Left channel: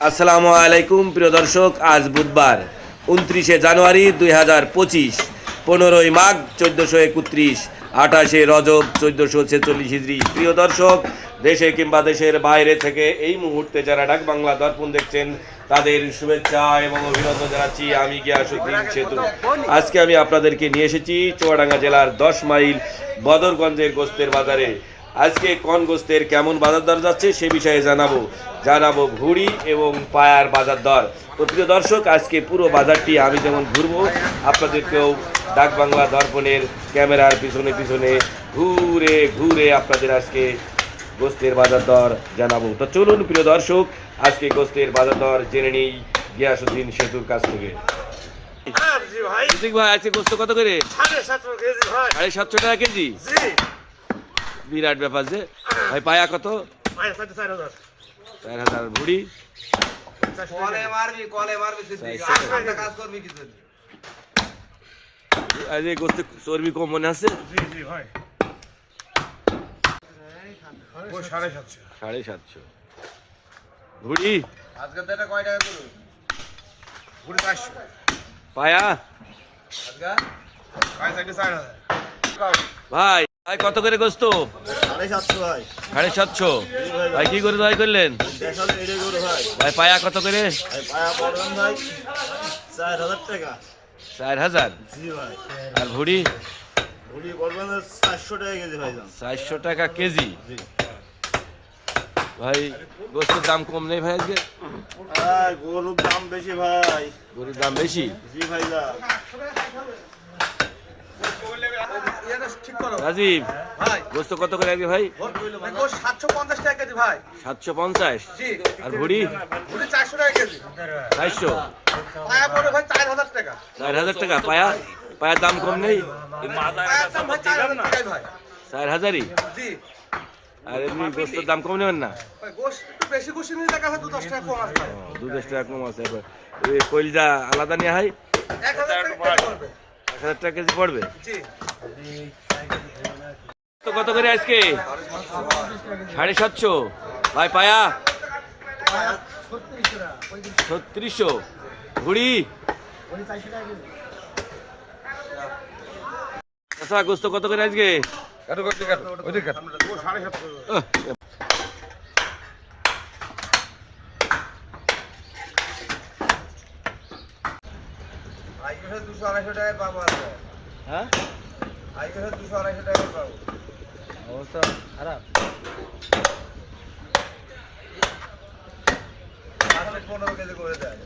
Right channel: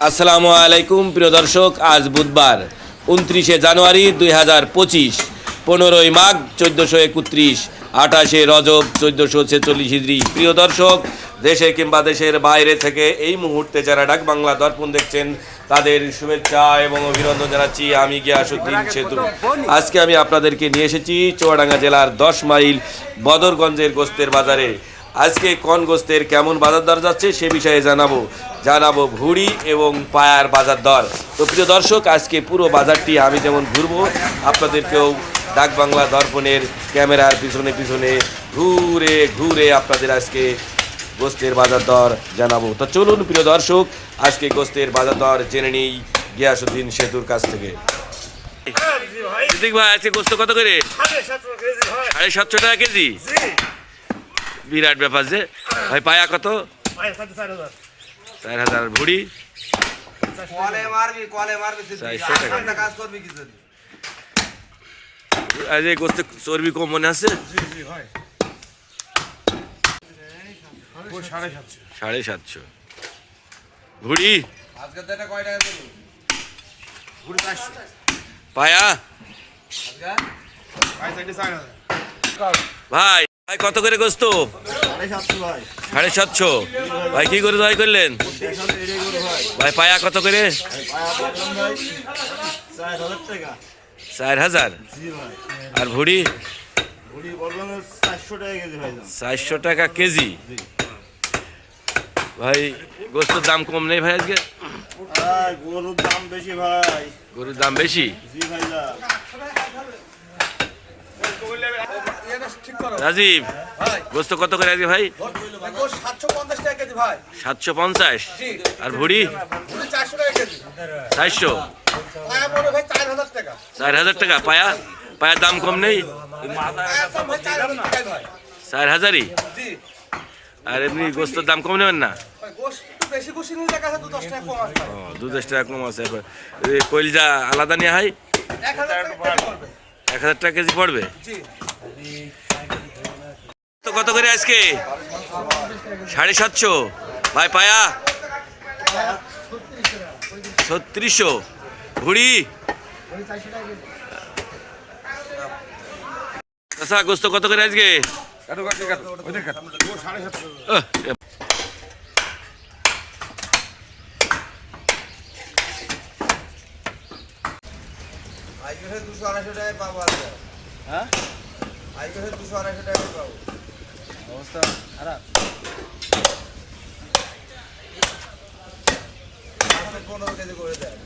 আসসালামু আলাইকুম, প্রিয় দর্শক, আজ বুধবার, উনত্রিশে জানুয়ারি দুই হাজার পঁচিশ, পনেরোই মাঘ চোদ্দোশো একত্রিশ, আঠাশে রজব চোদ্দোশো ছেচল্লিশ হিজড়ি। প্রিয় দর্শক, দেশে কিংবা দেশের বাইরে থেকে এই মুহূর্তে যারা ডাক বাংলা দর্পণ দেখছেন, তাদের শুভেচ্ছা এবং অভিনন্দন জানাচ্ছি আমি গিয়াসুদ্দিন সেতু। আজকে আমি আপনাদেরকে নিয়ে এসেছি চুয়াডাঙ্গা জেলার দশ মাইল বদরগঞ্জের গোস্তের বাজারে। আজকে কোন গোস্তের কেমন বাজার দর যাচ্ছে সে বিষয়ে জানাব। জানাব ভুড়ি এবং পায়ার বাজার দর। তো প্রিয় দর্শক আজকে পুরো বাজারটি আমি যেমন ঘুরবো আপনাদেরকেও ডাক বাংলা দর্পণের ক্যামেরার পিছনে পিছনে ঘুরে ঘুরে আপনাদের আজকে গোস্তের বাজার দর জানাব। তো চলুন প্রিয় দর্শক আজকে গোস্তের বাজার দর জেনে নিই গিয়াসুদ্দিন সেতুর কাছ থেকে। সিদ্দিক ভাই আজকে গোস্ত কত করে? সাড়ে সাতশো হয় টাকা কেজি? জি। বিরাট ব্যাপার যে। ভাই পায়া কত? চার হাজার। ভুড়ি। গোস্তে চর্বি কম মনে আছে? সাড়ে সাতশো। ভুড়ি। পায়া। ভাই ভাই কত করে গোস্ত? সাড়ে সাতশো ভাই। কি করে জয় করলেন? ভাই। পায়া কত করে? চার হাজার আর ভুড়ি? চারশো টাকা কেজি ভাই গোস্তর দাম কম নেই ভাই আজকে? গরুর দাম বেশি ভাই। গরুর দাম বেশি? জি ভাই রাজীব গোস্ত কত করে আজকে ভাই? সাতশো পঞ্চাশ আর ভুড়ি? চারশো চার হাজার টাকা। পায়া? পায়ার দাম কম নেই? চার হাজারই? আর এমনি গোস্তর দাম কম নেবেন না? দু দশ টাকা কম আছে। এবার এই আলাদা নেওয়া হয়? এক হাজার টাকা কেজি পড়বে? তো কত করে আজকে? সাড়ে সাতশো। ভাই পায়া? ছত্রিশশো। ভুড়ি আচ্ছা গোস্ত কত করে আজকে সাড়ে সাতশো আহ, আজকে দুশো আড়াইশো টাকায় পাবো হ্যাঁ? আজকে দুশো আড়াইশো টাকায় পাবো। অবস্থা খারাপ। পনেরো কেজি করে দেয়।